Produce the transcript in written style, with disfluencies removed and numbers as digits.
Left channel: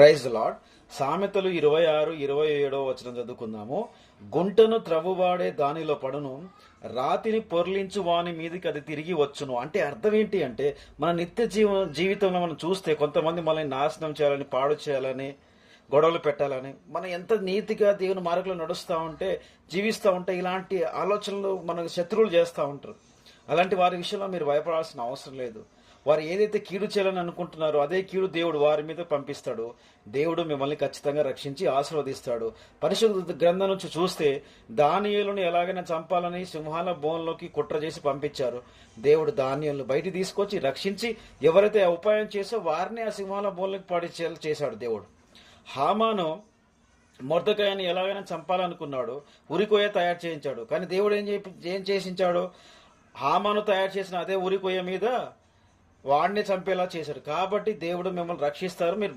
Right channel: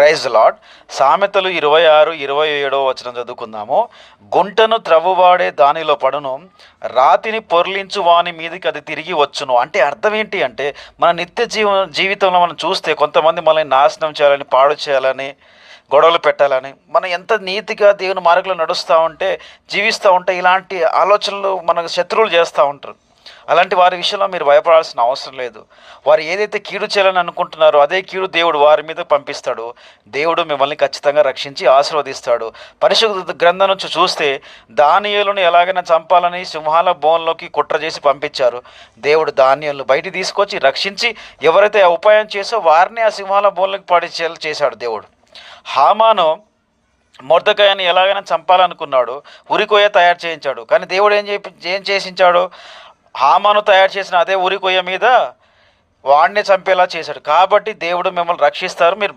Praise lord. సామెతలు 26:27 చదువుకుందాము. గుంటను త్రవ్వువాడే దానిలో పడును, రాతిని పొర్లించు వాని మీదకి అది తిరిగి వచ్చును. అంటే అర్థం ఏంటి అంటే, మన నిత్య జీవితంలో మనం చూస్తే కొంతమంది మనల్ని నాశనం చేయాలని, పాడు చేయాలని, గొడవలు పెట్టాలని, మనం ఎంత నీతిగా దేవుని మార్గంలో నడుస్తూ ఉంటే, జీవిస్తూ ఉంటే ఇలాంటి ఆలోచనలు మనకు శత్రువులు చేస్తూ ఉంటారు. అలాంటి వారి విషయంలో మీరు భయపడాల్సిన అవసరం లేదు. వారు ఏదైతే కీడు చేయాలని అనుకుంటున్నారో అదే కీడు దేవుడు వారి మీద పంపిస్తాడు. దేవుడు మిమ్మల్ని ఖచ్చితంగా రక్షించి ఆశీర్వదిస్తాడు. పరిశుద్ధ గ్రంథం నుంచి చూస్తే దానియేలును ఎలాగైనా చంపాలని సింహాల బోన్లోకి కుట్ర చేసి పంపించారు. దేవుడు దానియేలును బయటికి తీసుకొచ్చి రక్షించి ఎవరైతే ఆ ఉపాయం చేసో వారిని ఆ సింహాల బోన్లోకి పడిచేలా చేశాడు దేవుడు. హామాను మొర్దెకైని ఎలాగైనా చంపాలనుకున్నాడు, ఉరికొయ్య తయారు చేయించాడు. కానీ దేవుడు ఏం చేసించాడు? హామాను తయారు చేసిన అదే ఉరికొయ్య మీద వాడిని చంపేలా చేశాడు. కాబట్టి దేవుడు మిమ్మల్ని రక్షిస్తారు. మీరు